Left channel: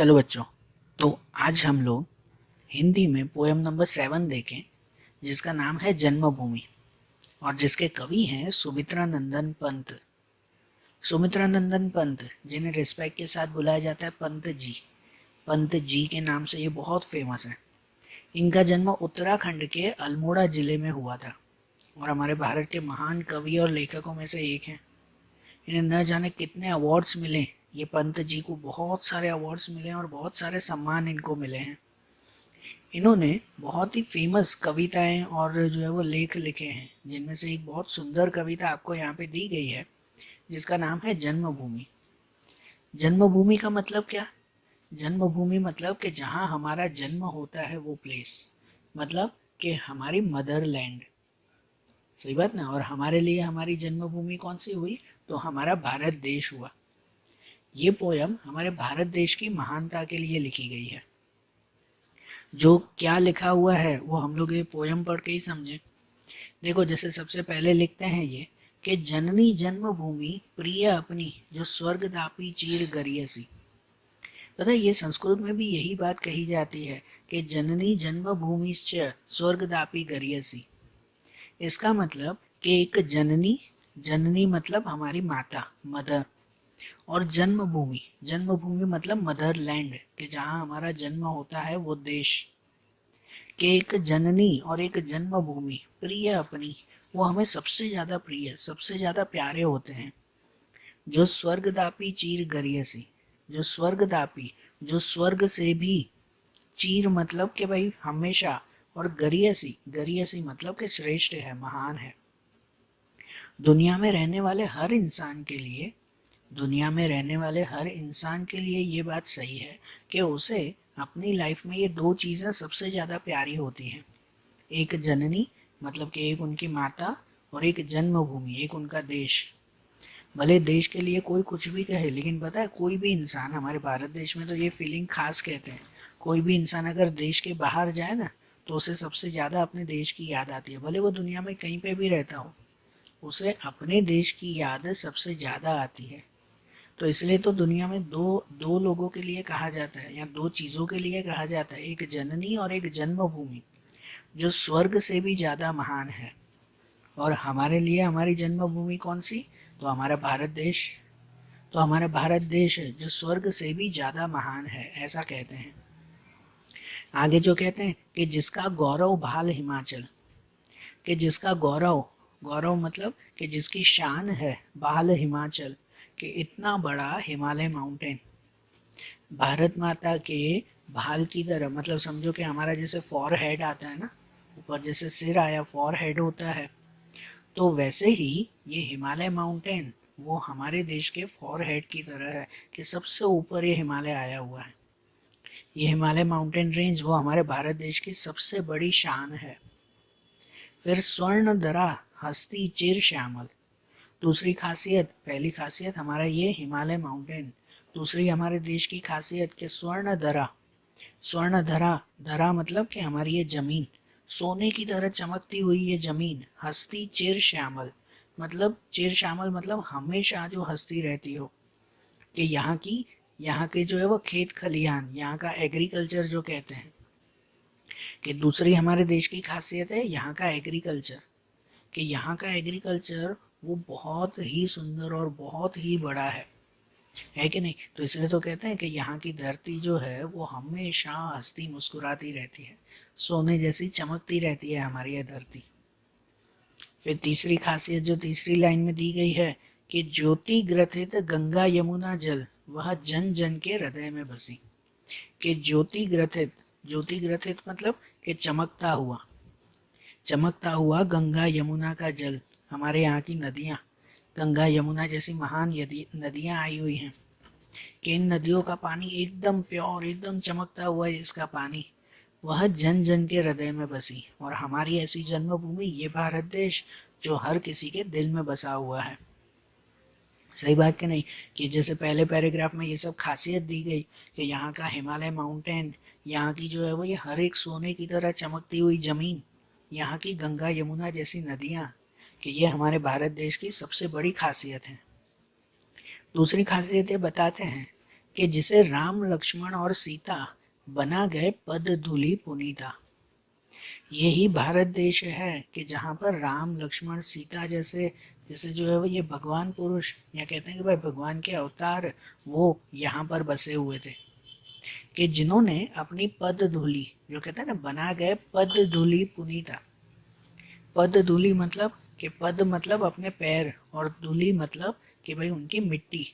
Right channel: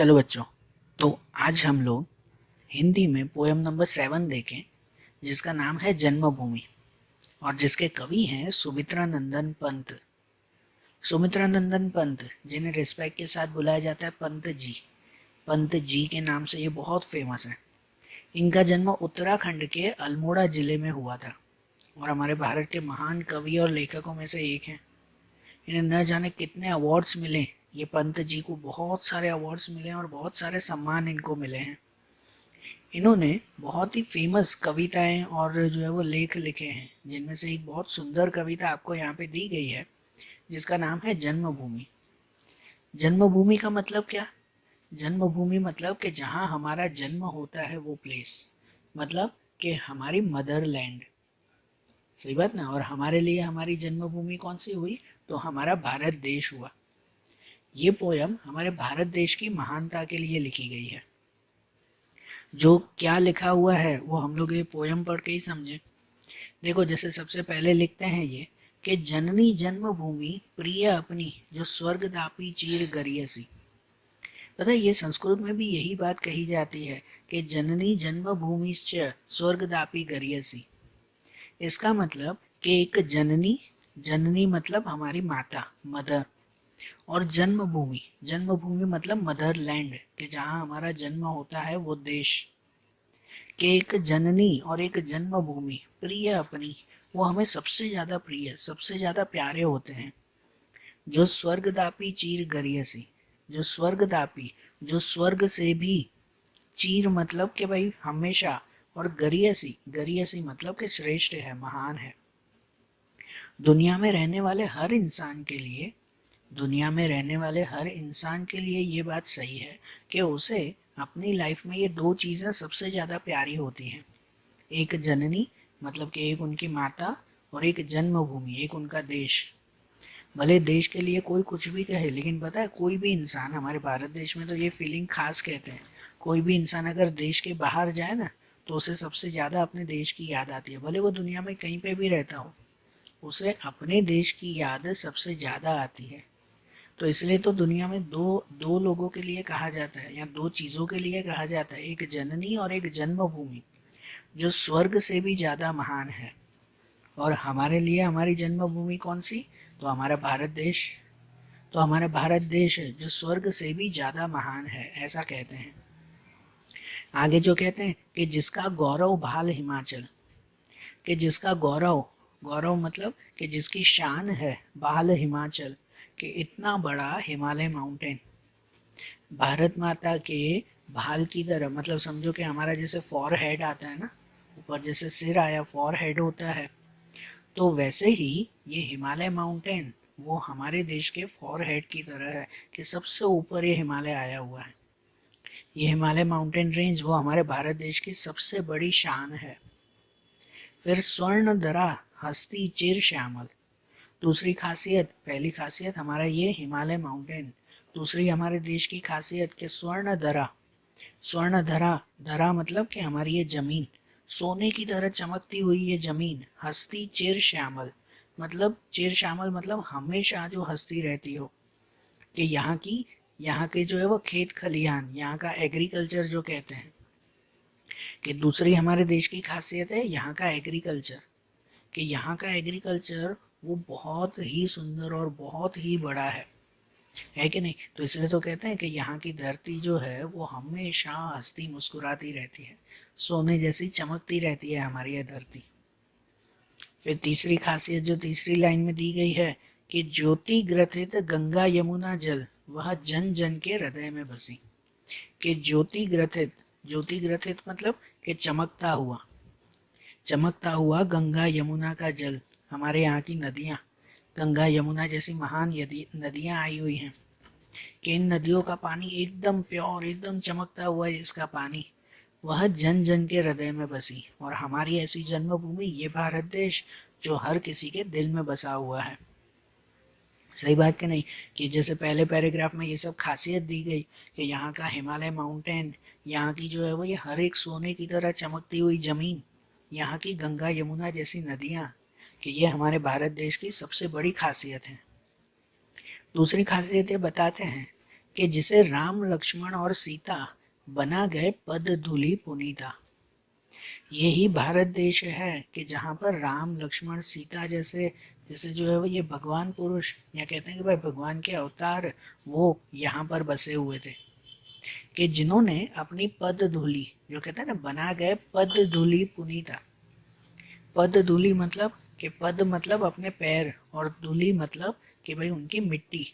चलो बच्चों, तो आज हम लोग हिंदी में पोएम नंबर 7 देखें, जिसका नाम है जन्मभूमि और जिसके कवि हैं सुमित्रा नंदन पंत। सुमित्रा नंदन पंत, जिन्हें रिस्पेक्ट के साथ बुलाया जाता है पंत जी। पंत जी के नाम से ये बहुत फेमस है। इनका जन्म उत्तराखंड के अल्मोड़ा जिले में हुआ था और हमारे भारत के महान कवि और लेखकों में से एक हैं। इन्हें न जाने कितने अवार्ड्स मिले। ये पंत जी को बहुत सारे अवार्ड्स मिले और बहुत सारे सम्मान इनको मिले हैं। इन्होंने बहुत ही फेमस कविताएं और जो है वो लेख लिखे हैं, जिनमें से एक बहुत सुंदर कविता आपको यहाँ पे दी गई है, जिसका नाम है जन्मभूमि। जन्मभूमि का मतलब क्या? जन्मभूमि मतलब कि जहाँ हमारा जन्म होता है वो प्लेस, मतलब कि हमारी मदरलैंड। सही बात ना। और हमारे लिए हमारी जन्मभूमि कौन सी हुई? तो हमारा भारत देश हुआ। ये पोयम हमारे भारत देश की महानता के लिए लिखी गई है। जो क्या लिखा हुआ है वो हम लोग ये पोयम पढ़ के ही समझे। देखो, जैसे सबसे पहले लिखते हैं ये कि जननी जन्मभूमि प्रिय अपनी, जो स्वर्ग दापी चीर गरियसी। पता है, ये संस्कृत में भी यही बात कही जाती है कि जननी जन्मभूमि स्वर्ग दापी गरियसी। इसका मतलब कि एक जननी, जननी मतलब हमारी माता, मदर, और जन्मभूमि, जन्मभूमि मतलब मदरलैंड, कि जहाँ हमारा जन्म होता है वो देश, कि एक जननी और एक जन्मभूमि प्रिय अपनी, वो हमें सबसे ज़्यादा प्रिय, सबसे ज़्यादा प्यारे होते हैं। जो स्वर्गदापी चीर गरियसी, जो स्वर्गदापी, जो स्वर्ग से भी, चीर मतलब कि भाई हमेशा, और गरियसी, गरियसी मतलब कि श्रेष्ठ है, महान है। दुनिया में रहने वाले हर इंसान के लिए, दुनिया में रहने वाले हर इंसान के लिए ये बात सही है कि उसे अपनी लाइफ में ये दो चीज़ें सबसे ज़्यादा प्यारी होती हैं। एक जननी मतलब कि एक उनकी माता, और एक जन्मभूमि, एक उनका देश। भले देश के लिए कोई कुछ भी कहे, लेकिन पता है कोई भी इंसान, हमारे भारत देश में तो ये फीलिंग खास कहते हैं, कोई भी इंसान अगर देश के बाहर जाए ना, तो उसे सबसे ज़्यादा अपने देश की याद आती है। भले वो दुनिया में कहीं पे भी रहता हो, उसे अपने देश की याद सबसे ज़्यादा आती है। तो इसलिए तो दुनिया में दो दो लोगों के लिए कहा जाता है, या दो चीज़ों के लिए कहा जाता है, एक जननी और एक जन्मभूमि, जो स्वर्ग से भी ज़्यादा महान है। और हमारे लिए हमारी जन्मभूमि कौन सी? तो हमारा भारत देश। तो हमारा भारत देश जो स्वर्ग से भी ज़्यादा महान है, ऐसा कहते हैं। आगे जो कहते हैं कि जिसका गौरव भाल हिमाचल, कि जिसका गौरव, गौरव मतलब कि जिसकी शान है, बाल हिमाचल, कि इतना बड़ा हिमालय माउंटेन, भारत माता के भाल की तरह, मतलब समझो कि हमारा जैसे फॉर हेड आता है ना, ऊपर जैसे सिर आया, फॉर हेड होता है, तो वैसे ही ये हिमालय माउंटेन वो हमारे देश के फॉर हेड की तरह है, कि सबसे ऊपर ये हिमालय आया हुआ है। ये हिमालय माउंटेन रेंज वो हमारे भारत देश की सबसे बड़ी शान है। फिर स्वर्ण धरा हस्ती चिर श्यामल, दूसरी खासियत, पहली खासियत हमारा ये हिमालय माउंटेन, दूसरी हमारे देश की खासियत के स्वर्ण धरा, स्वर्ण धरा, धरा मतलब कि हमारी ये जमीन, सोने की तरह चमकती हुई ये जमीन। हस्ती चिर श्यामल, मतलब चिर श्यामल मतलब हमेशा जो हस्ती रहती हो, कि यहाँ की, यहाँ के जो है वो खेत खलिहान, यहाँ का एग्रीकल्चर जो कहते हैं, कि दूसरी हमारे देश की खासियत है यहाँ का एग्रीकल्चर, कि यहाँ का एग्रीकल्चर वो बहुत ही सुंदर और बहुत ही बड़ा है कि नहीं? तो इसलिए तो कहते हैं कि यहाँ की धरती जो है वो हमेशा हंसती मुस्कुराती रहती है, सोने जैसी चमकती रहती है हमारी ये धरती। फिर तीसरी खासियत जो तीसरी लाइन में दी गई है कि ज्योति ग्रथित गंगा यमुना जल, वह जन जन के हृदय में बसी। कि ज्योति ग्रथित, ज्योति ग्रथित मतलब कि चमकता हुआ, चमकता हुआ गंगा यमुना का जल, हमारे यहाँ की नदियाँ, गंगा यमुना जैसी महान नदियाँ आई हुई हैं, कि इन नदियों का पानी एकदम प्योर, एकदम चमकता हुआ है इसका पानी, वह जन जन के हृदय में बसी। और हमारी ऐसी जन्मभूमि ये भारत देश, जो हर किसी के दिल में बसा हुआ है। सही बात कि नहीं? कि जैसे पहले पैराग्राफ में ये सब खासियत दी गई कि यहाँ का हिमालय माउंटेन, यहाँ की जो है वो ये हर एक सोने की तरह चमकती हुई ज़मीन, यहाँ की गंगा यमुना जैसी नदियाँ, कि ये हमारे भारत देश की सबसे बड़ी खासियत है। दूसरी खासियत ये बताते हैं कि जिसे राम लक्ष्मण और सीता बना गए पद धूलि पुनीता। यही भारत देश है कि जहाँ पर राम लक्ष्मण सीता जैसे जैसे जो है वो ये भगवान पुरुष, या कहते हैं कि भाई भगवान के अवतार, वो यहाँ पर बसे हुए थे, कि जिन्होंने अपनी पद धूलि, जो कहते हैं ना बना गए पद धूलि पुनीता। पद धूलि मतलब कि पद मतलब अपने पैर, और धूलि मतलब कि भाई उनकी मिट्टी,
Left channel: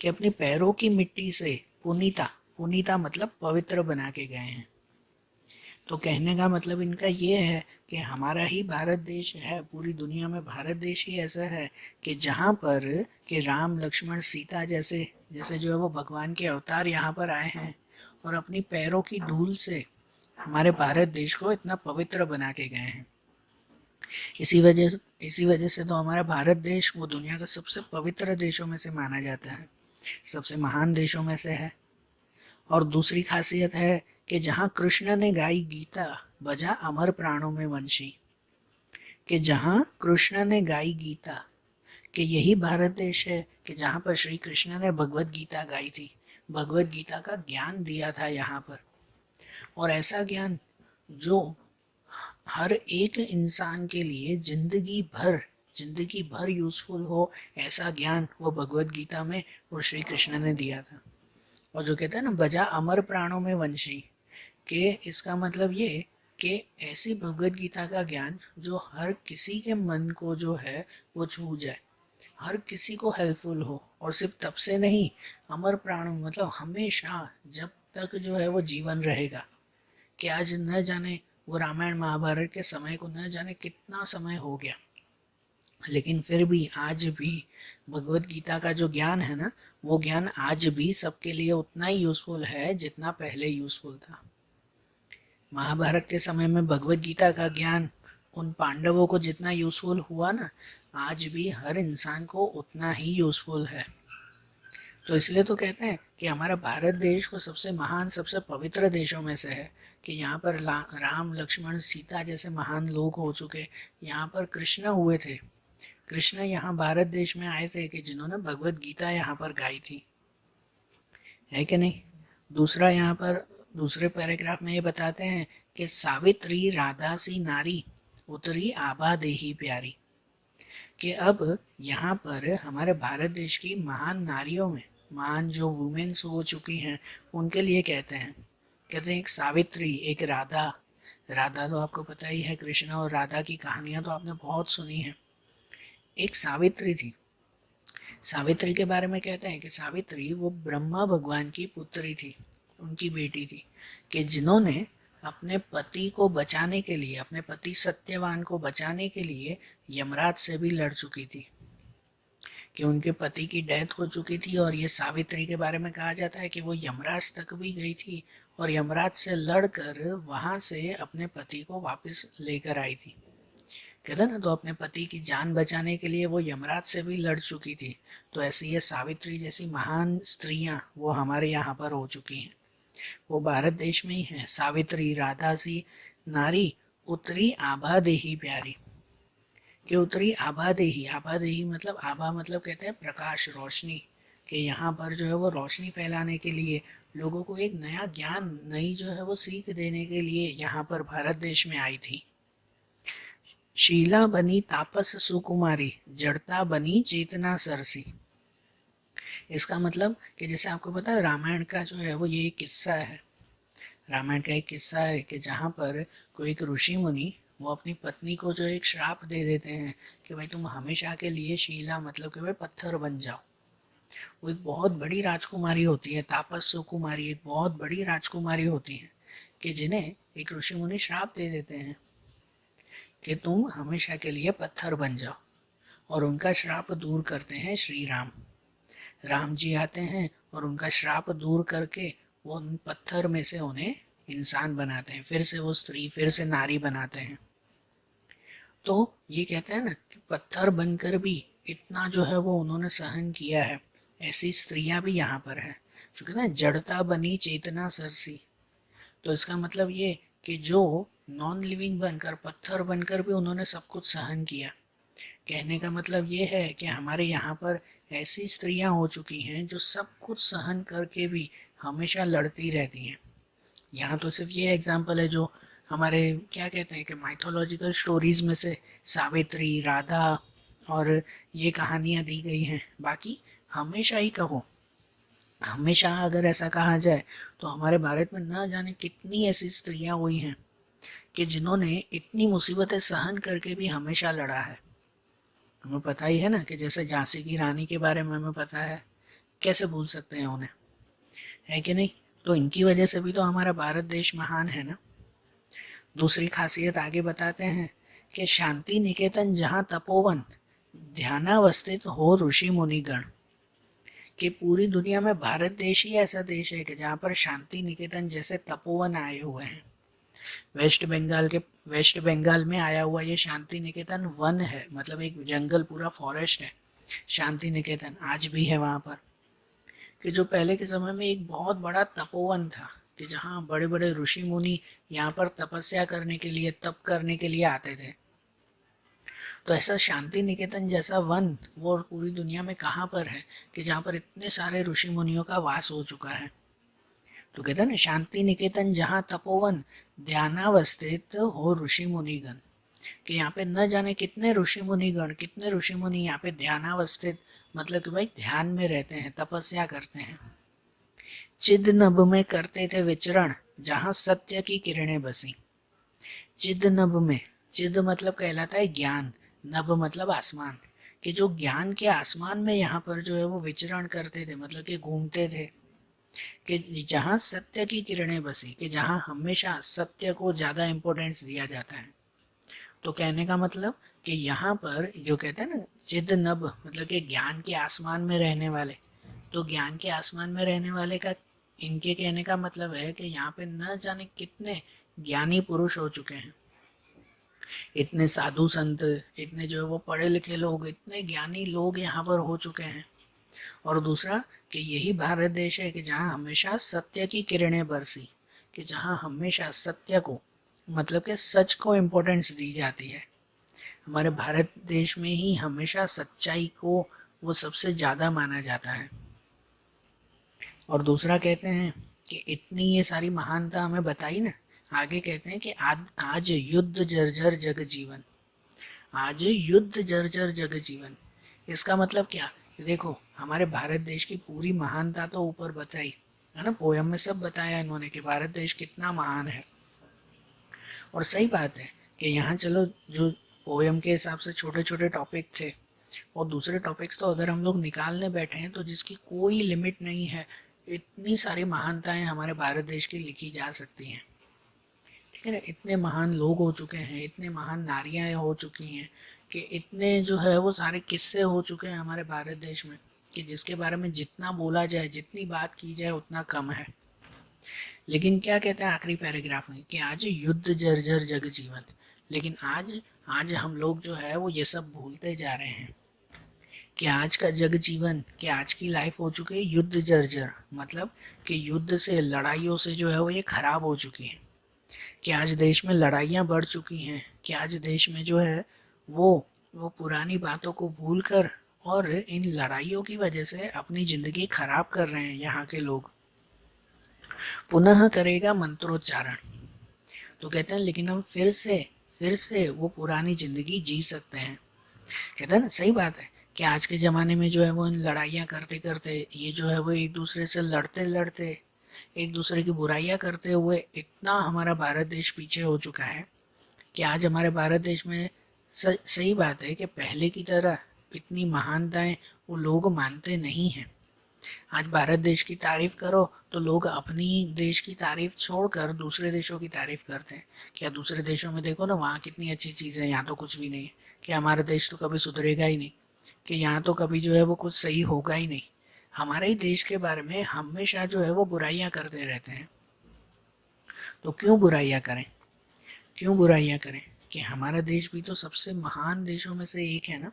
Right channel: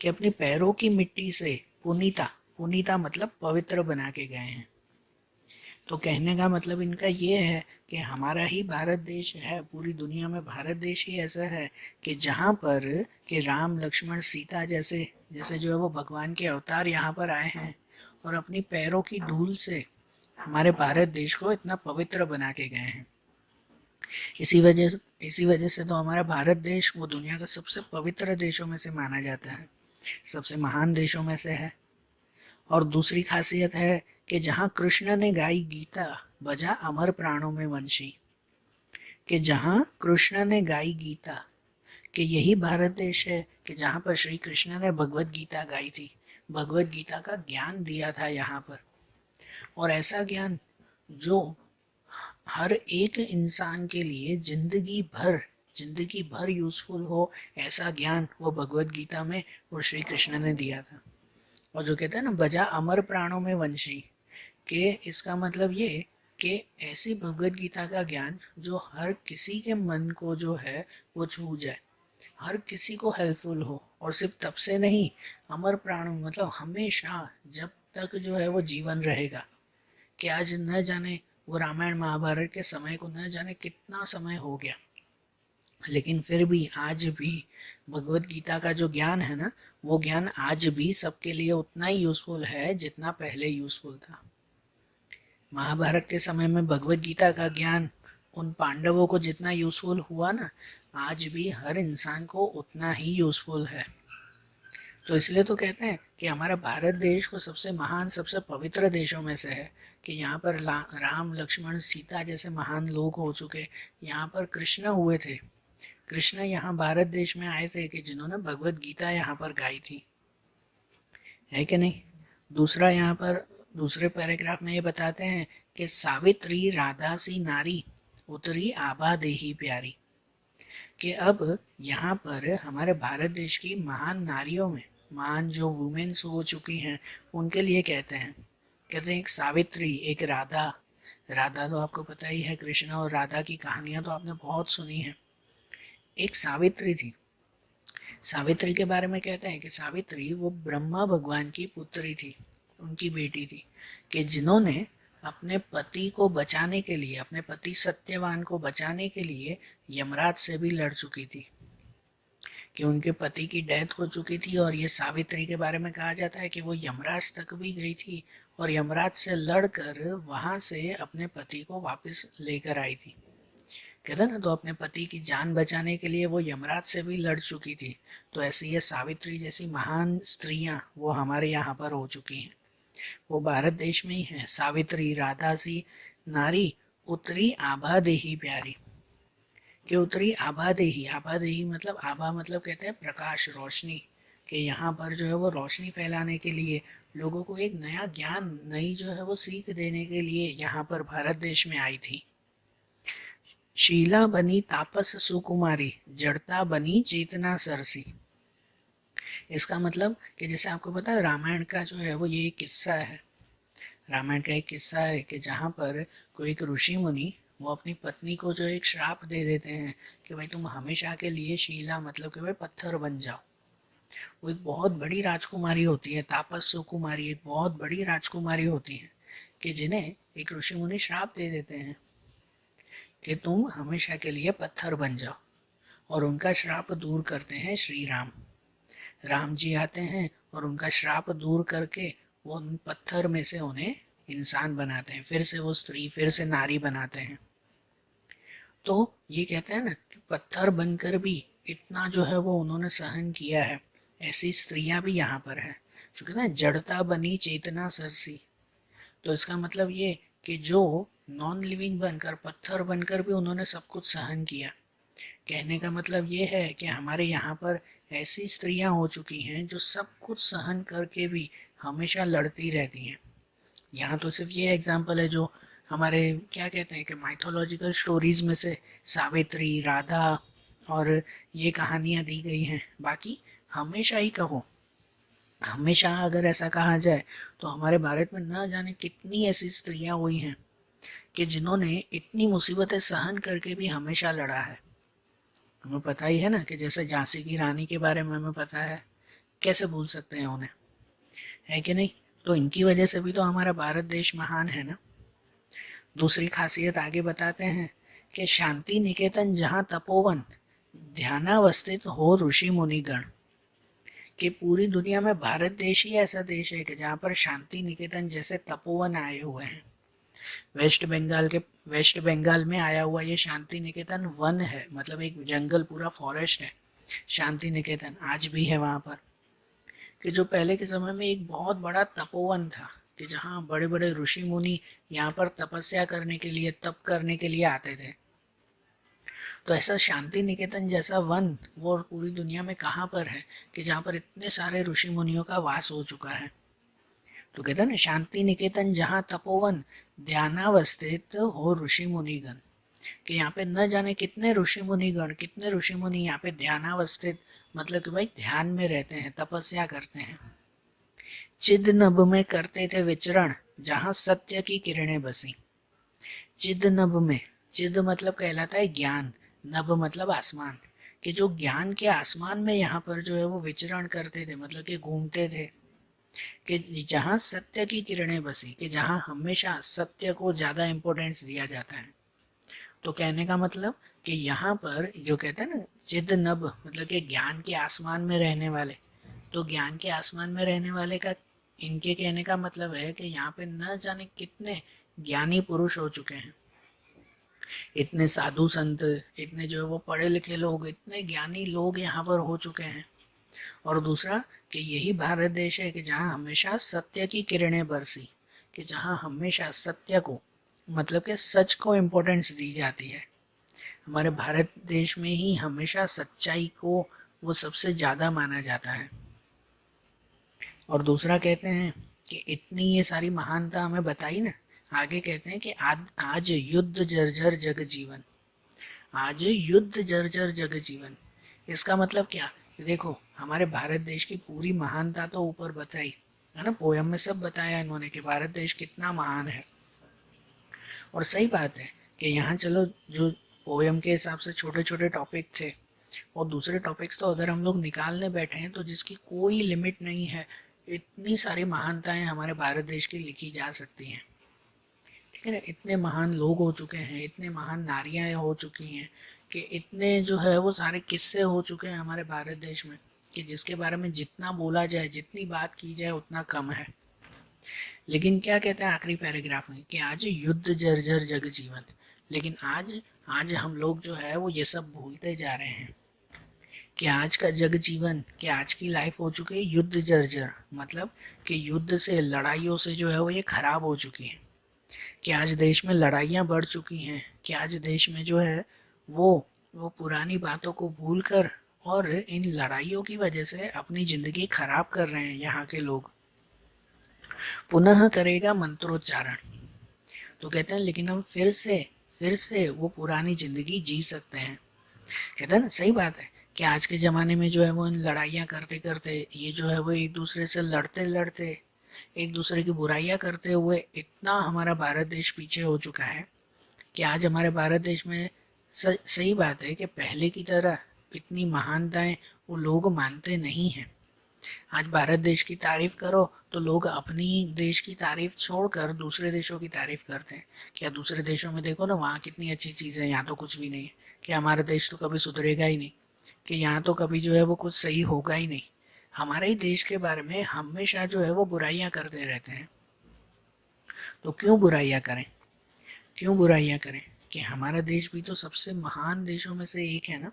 कि अपने पैरों की मिट्टी से पुनीता, पुनीता मतलब पवित्र बना के गए हैं। तो कहने का मतलब इनका ये है कि हमारा ही भारत देश है, पूरी दुनिया में भारत देश ही ऐसा है कि जहाँ पर कि राम लक्ष्मण सीता जैसे जैसे जो है वो भगवान के अवतार यहाँ पर आए हैं, और अपनी पैरों की धूल से हमारे भारत देश को इतना पवित्र बना के गए हैं। इसी वजह से तो हमारा भारत देश वो दुनिया का सबसे पवित्र देशों में से माना जाता है, सबसे महान देशों में से है। और दूसरी खासियत है कि जहाँ कृष्ण ने गाई गीता, बजा अमर प्राणों में वंशी, कि जहाँ कृष्ण ने गाई गीता, कि यही भारत देश है कि जहाँ पर श्री कृष्ण ने भगवत गीता गाई थी, भगवत गीता का ज्ञान दिया था यहाँ पर। और ऐसा ज्ञान जो हर एक इंसान के लिए जिंदगी भर यूजफुल हो, ऐसा ज्ञान वो भगवत गीता में वो श्री कृष्ण ने दिया था। और जो कहते हैं ना बजा अमर प्राणों में वंशी, के इसका मतलब ये कि ऐसी भगवत गीता का ज्ञान जो हर किसी के मन को जो है वो छू जाए, हर किसी को हेल्पफुल हो। और सिर्फ तब से नहीं, अमर प्राणों मतलब हमेशा, जब तक जो है वो जीवन रहेगा। कि आज न जाने वो रामायण महाभारत के समय को न जाने कितना समय हो गया, लेकिन फिर भी आज भी भगवत गीता का जो ज्ञान है ना, वो ज्ञान आज भी सबके लिए उतना ही यूजफुल है जितना पहले यूजफुल था। महाभारत के समय में भगवत गीता का ज्ञान उन पांडवों को जितना यूजफुल हुआ ना, आज भी हर इंसान को उतना ही यूजफुल है। तो इसलिए तो कहते हैं कि हमारा भारत देश वो सबसे महान, सबसे पवित्र देशों में से है, कि यहाँ पर राम लक्ष्मण सीता जैसे महान लोग हो चुके। यहाँ पर कृष्ण हुए थे, कृष्ण यहाँ भारत देश में आए थे कि जिन्होंने भगवत गीता यहाँ पर गाई थी, है कि नहीं। दूसरा यहाँ पर दूसरे पैराग्राफ में ये बताते हैं कि सावित्री राधा सी नारी उतरी आभा देही प्यारी, कि अब यहाँ पर हमारे भारत देश की महान नारियों में, महान जो वुमेन्स हो चुकी हैं, उनके लिए कहते हैं एक सावित्री, एक राधा। राधा तो आपको पता ही है, कृष्ण और राधा की कहानियां तो आपने बहुत सुनी है। एक सावित्री थी। सावित्री के बारे में कहते हैं कि सावित्री वो ब्रह्मा भगवान की पुत्री थी, उनकी बेटी थी, कि जिन्होंने अपने पति को बचाने के लिए, अपने पति सत्यवान को बचाने के लिए यमराज से भी लड़ चुकी थी, कि उनके पति की डेथ हो चुकी थी। और ये सावित्री के बारे में कहा जाता है कि वो यमराज तक भी गई थी और यमराज से लड़कर वहां से अपने पति को वापस लेकर आई थी। कहते ना, तो अपने पति की जान बचाने के लिए वो यमराज से भी लड़ चुकी थी। तो ऐसी ये सावित्री जैसी महान स्त्रियां वो हमारे यहाँ पर हो चुकी हैं, वो भारत देश में ही है। सावित्री राधा सी नारी उतरी आभा देही प्यारी, कि उतरी आभा देही। आभा देही मतलब, आभा मतलब कहते हैं प्रकाश, रोशनी, कि यहाँ पर जो है वो रोशनी फैलाने के लिए, लोगों को एक नया ज्ञान, नई जो है वो सीख देने के लिए यहाँ पर भारत देश में आई थी। शीला बनी तापस सुकुमारी, जड़ता बनी चेतना सरसी। इसका मतलब कि जैसे आपको पता है रामायण का जो है वो ये एक किस्सा है, रामायण का एक किस्सा है कि जहाँ पर कोई एक ऋषि मुनि वो अपनी पत्नी को जो एक श्राप दे देते हैं कि भाई तुम हमेशा के लिए शीला मतलब कि भाई पत्थर बन जाओ। वो एक बहुत बड़ी राजकुमारी होती है, तापस सुकुमारी एक बहुत बड़ी राजकुमारी होती है, कि जिन्हें एक ऋषि मुनि श्राप दे देते हैं कि तुम हमेशा के लिए पत्थर बन जाओ। और उनका श्राप दूर करते हैं श्री राम। राम जी आते हैं और उनका श्राप दूर करके वो उन पत्थर में से उन्हें इंसान बनाते हैं, फिर से वो स्त्री, फिर से नारी बनाते हैं। तो ये कहते हैं ना कि पत्थर बनकर भी इतना जो है वो उन्होंने सहन किया है। ऐसी स्त्रियां भी यहाँ पर है, जो कहते हैं जड़ता बनी चेतना सरसी। तो इसका मतलब ये कि जो नॉन लिविंग बनकर, पत्थर बनकर भी उन्होंने सब कुछ सहन किया, कहने का मतलब ये है कि हमारे यहाँ पर ऐसी स्त्रियाँ हो चुकी हैं जो सब कुछ सहन करके भी हमेशा लड़ती रहती हैं। यहाँ तो सिर्फ ये एग्जाम्पल है जो हमारे क्या कहते हैं कि माइथोलॉजिकल स्टोरीज में से सावित्री, राधा और ये कहानियाँ दी गई हैं। बाकी हमेशा ही कहो, हमेशा अगर ऐसा कहा जाए तो हमारे भारत में न जाने कितनी ऐसी स्त्रियाँ हुई हैं कि जिन्होंने इतनी मुसीबतें सहन करके भी हमेशा लड़ा है। हमें पता ही है ना कि जैसे झांसी की रानी के बारे में हमें पता है, कैसे भूल सकते हैं उन्हें, है कि नहीं? तो इनकी वजह से भी तो हमारा भारत देश महान है ना। दूसरी खासियत आगे बताते हैं कि शांति निकेतन जहाँ तपोवन ध्यानावस्थित हो ऋषि मुनिगण, कि पूरी दुनिया में भारत देश ही ऐसा देश है कि जहाँ पर शांति निकेतन जैसे तपोवन आए हुए हैं। वेस्ट बंगाल में आया हुआ ये शांति निकेतन वन है, मतलब एक जंगल, पूरा फॉरेस्ट है। शांति निकेतन आज भी है वहाँ पर, कि जो पहले के समय में एक बहुत बड़ा तपोवन था, कि जहाँ बड़े बड़े ऋषि मुनि यहाँ पर तपस्या करने के लिए, तप करने के लिए आते थे। तो ऐसा शांति निकेतन जैसा वन वो पूरी दुनिया में कहाँ पर है कि जहाँ पर इतने सारे ऋषि मुनियों का वास हो चुका है। तो कहते हैं ना, शांति निकेतन जहाँ तपोवन ध्यानावस्थित हो ऋषि मुनिगण, कि यहाँ पे न जाने कितने ऋषि मुनिगण, कितने ऋषि मुनि यहाँ पे ध्यानावस्थित, मतलब कि भाई ध्यान में रहते हैं, तपस्या करते हैं। चिद नभ में करते थे विचरण जहाँ सत्य की किरणें बसी। चिद नभ में, चिद मतलब कहलाता है ज्ञान, नभ मतलब आसमान, कि जो ज्ञान के आसमान में यहाँ पर जो है वो विचरण करते थे, मतलब कि घूमते थे, कि जहाँ सत्य की किरणें बसी, कि जहाँ हमेशा सत्य को ज़्यादा इम्पोर्टेंस दिया जाता है। तो कहने का मतलब कि यहाँ पर जो कहते हैं ना चिद नभ, मतलब कि ज्ञान के आसमान में रहने वाले, तो ज्ञान के आसमान में रहने वाले का इनके कहने का मतलब है कि यहाँ पे न जाने कितने ज्ञानी पुरुष हो चुके हैं, इतने साधु संत, इतने जो है वो पढ़े लिखे लोग, इतने ज्ञानी लोग यहाँ पर हो चुके हैं। और दूसरा कि यही भारत देश है कि जहाँ हमेशा सत्य की किरणें बरसी, कि जहाँ हमेशा सत्य को, मतलब कि सच को इम्पोर्टेंस दी जाती है। हमारे भारत देश में ही हमेशा सच्चाई को वो सबसे ज़्यादा माना जाता है। और दूसरा कहते हैं कि इतनी ये सारी महानता हमें बताई ना, आगे कहते हैं कि आज युद्ध जर्जर जग जीवन, आज युद्ध जर्जर जग जीवन। इसका मतलब क्या? देखो, हमारे भारत देश की पूरी महानता तो ऊपर बताई है ना, पोयम में सब बताया इन्होंने कि भारत देश कितना महान है। और सही बात है कि यहाँ चलो जो पोयम के हिसाब से छोटे छोटे टॉपिक थे, और दूसरे टॉपिक्स तो अगर हम लोग निकालने बैठे हैं तो जिसकी कोई लिमिट नहीं है, इतनी सारी महानताएं हमारे भारत देश की लिखी जा सकती हैं। ठीक है ना, इतने महान लोग हो चुके हैं, इतने महान नारियाँ हो चुकी हैं, कि इतने जो है वो सारे किस्से हो चुके हैं हमारे भारत देश में, कि जिसके बारे में जितना बोला जाए, जितनी बात की जाए उतना कम है। लेकिन क्या कहते हैं आखिरी पैराग्राफ में कि आज युद्ध जर्जर जग जीवन, लेकिन आज आज हम लोग जो है वो ये सब भूलते जा रहे हैं कि आज का जग जीवन, कि आज की लाइफ हो चुकी है युद्ध जर्जर, मतलब कि युद्ध से, लड़ाइयों से जो है वो ये खराब हो चुकी है, कि आज देश में लड़ाइयाँ बढ़ चुकी हैं, कि आज देश में जो है वो पुरानी बातों को भूलकर और इन लड़ाइयों की वजह से अपनी ज़िंदगी खराब कर रहे हैं यहाँ के लोग। पुनः करेगा मंत्रोच्चारण, तो कहते हैं लेकिन हम फिर से वो पुरानी ज़िंदगी जी सकते हैं। कहते हैं ना, सही बात है कि आज के ज़माने में जो है वो लड़ाइयाँ करते करते, ये जो है वो एक दूसरे से लड़ते लड़ते, एक दूसरे की बुराइयां करते हुए इतना हमारा भारत देश पीछे हो चुका है कि आज हमारे भारत देश में सही बात है कि पहले की तरह इतनी महानताएं वो लोग मानते नहीं हैं। आज भारत देश की तारीफ करो तो लोग अपनी देश की तारीफ छोड़कर दूसरे देशों की तारीफ करते हैं। क्या दूसरे देशों में देखो ना, वहाँ कितनी अच्छी चीज़ें, यहाँ तो कुछ भी नहीं है, कि हमारा देश तो कभी सुधरेगा ही नहीं, कि यहाँ तो कभी जो है वो कुछ सही होगा ही नहीं। हमारे ही देश के बारे में हमेशा जो है वो बुराइयां करते रहते हैं। तो क्यों बुराइयां करें, क्यों बुराइयां करें, कि हमारा देश भी तो सबसे महान देशों में से एक है ना।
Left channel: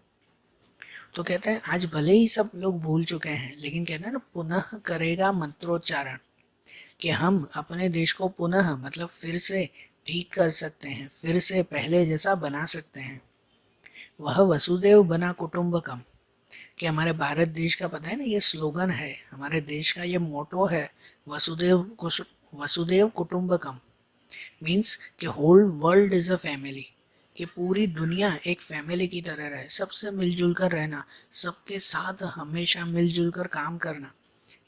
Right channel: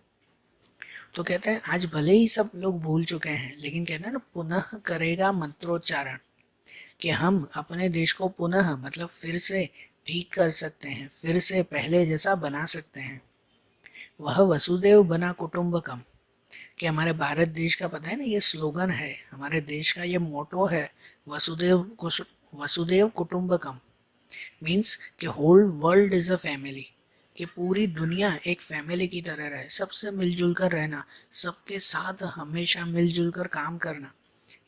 तो कहते हैं आज भले ही सब लोग भूल चुके हैं, लेकिन कहते हैं ना पुनः करेगा मंत्रोच्चारण, कि हम अपने देश को पुनः, मतलब फिर से ठीक कर सकते हैं, फिर से पहले जैसा बना सकते हैं। वह वसुदेव बना कुटुंबकम, कि हमारे भारत देश का पता है ना, ये स्लोगन है, हमारे देश का ये मोटो है, वसुदेव कुटुंबकम। मीन्स कि whole world is a family, कि पूरी दुनिया एक फैमिली की तरह रहे, सबसे मिलजुल कर रहना, सबके साथ हमेशा मिलजुल कर काम करना,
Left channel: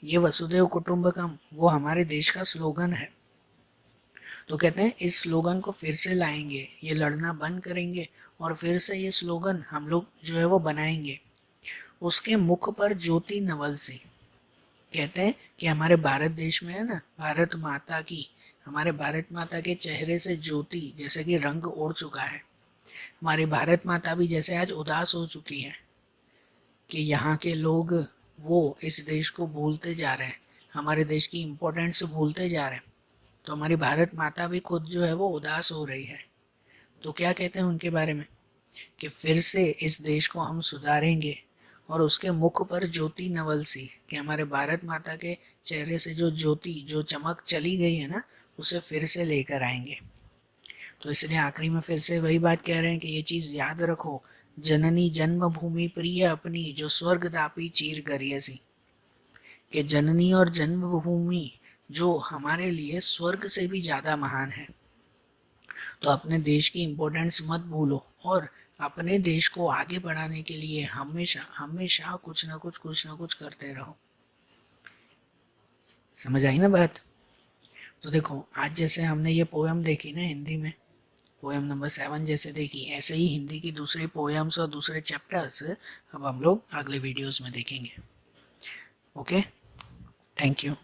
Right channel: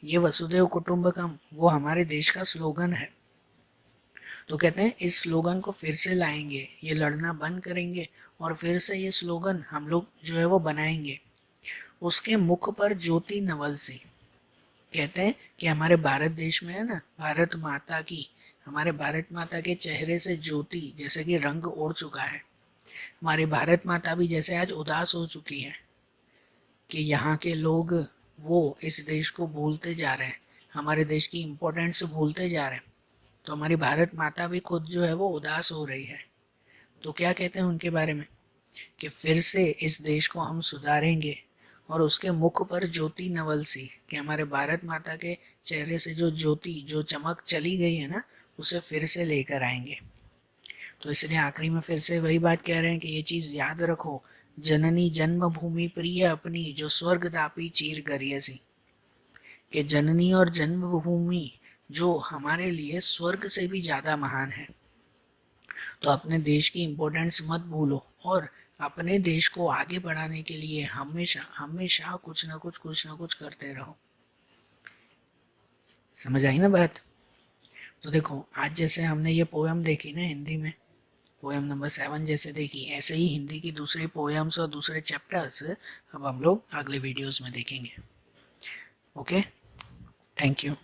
ये वसुदेव कुटुंबकम वो हमारे देश का स्लोगन है। तो कहते हैं इस स्लोगन को फिर से लाएंगे, ये लड़ना बंद करेंगे और फिर से ये स्लोगन हम लोग जो है वो बनाएंगे। उसके मुख पर ज्योति नवल सी, कहते हैं कि हमारे भारत देश में है ना, भारत माता की, हमारे भारत माता के चेहरे से ज्योति जैसे कि रंग उड़ चुका है। हमारी भारत माता भी जैसे आज उदास हो चुकी है कि यहाँ के लोग वो इस देश को भूलते जा रहे हैं, हमारे देश की इम्पोर्टेंस भूलते जा रहे हैं। तो हमारी भारत माता भी खुद जो है वो उदास हो रही है। तो क्या कहते हैं उनके बारे में कि फिर से इस देश को हम सुधारेंगे और उसके मुख पर ज्योति नवल सी, कि हमारे भारत माता के चेहरे से जो ज्योति, जो चमक चली गई है ना, उसे फिर से लेकर आएंगे। तो इसलिए आखिरी में फिर से वही बात कह रहे हैं कि ये चीज़ याद रखो, जननी जन्मभूमि प्रिय अपनी, जो स्वर्ग दापी चीर करिए सी, कि जननी और जन्मभूमि जो हमारे लिए स्वर्ग से भी ज़्यादा महान है। तो अपने देश की इम्पोर्टेंस मत भूलो और अपने देश को आगे बढ़ाने के लिए हमेशा हमेशा कुछ ना कुछ करते रहो। समझ आई ना बात? तो देखो आज जैसे हमने ये पोएम देखी ना हिंदी में, पोएम नंबर 7 जैसे देखी, ऐसे ही हिंदी की दूसरी पोएम्स और दूसरे चैप्टर्स अब हम लोग अगले वीडियोस में देखेंगे। Okay, thank you.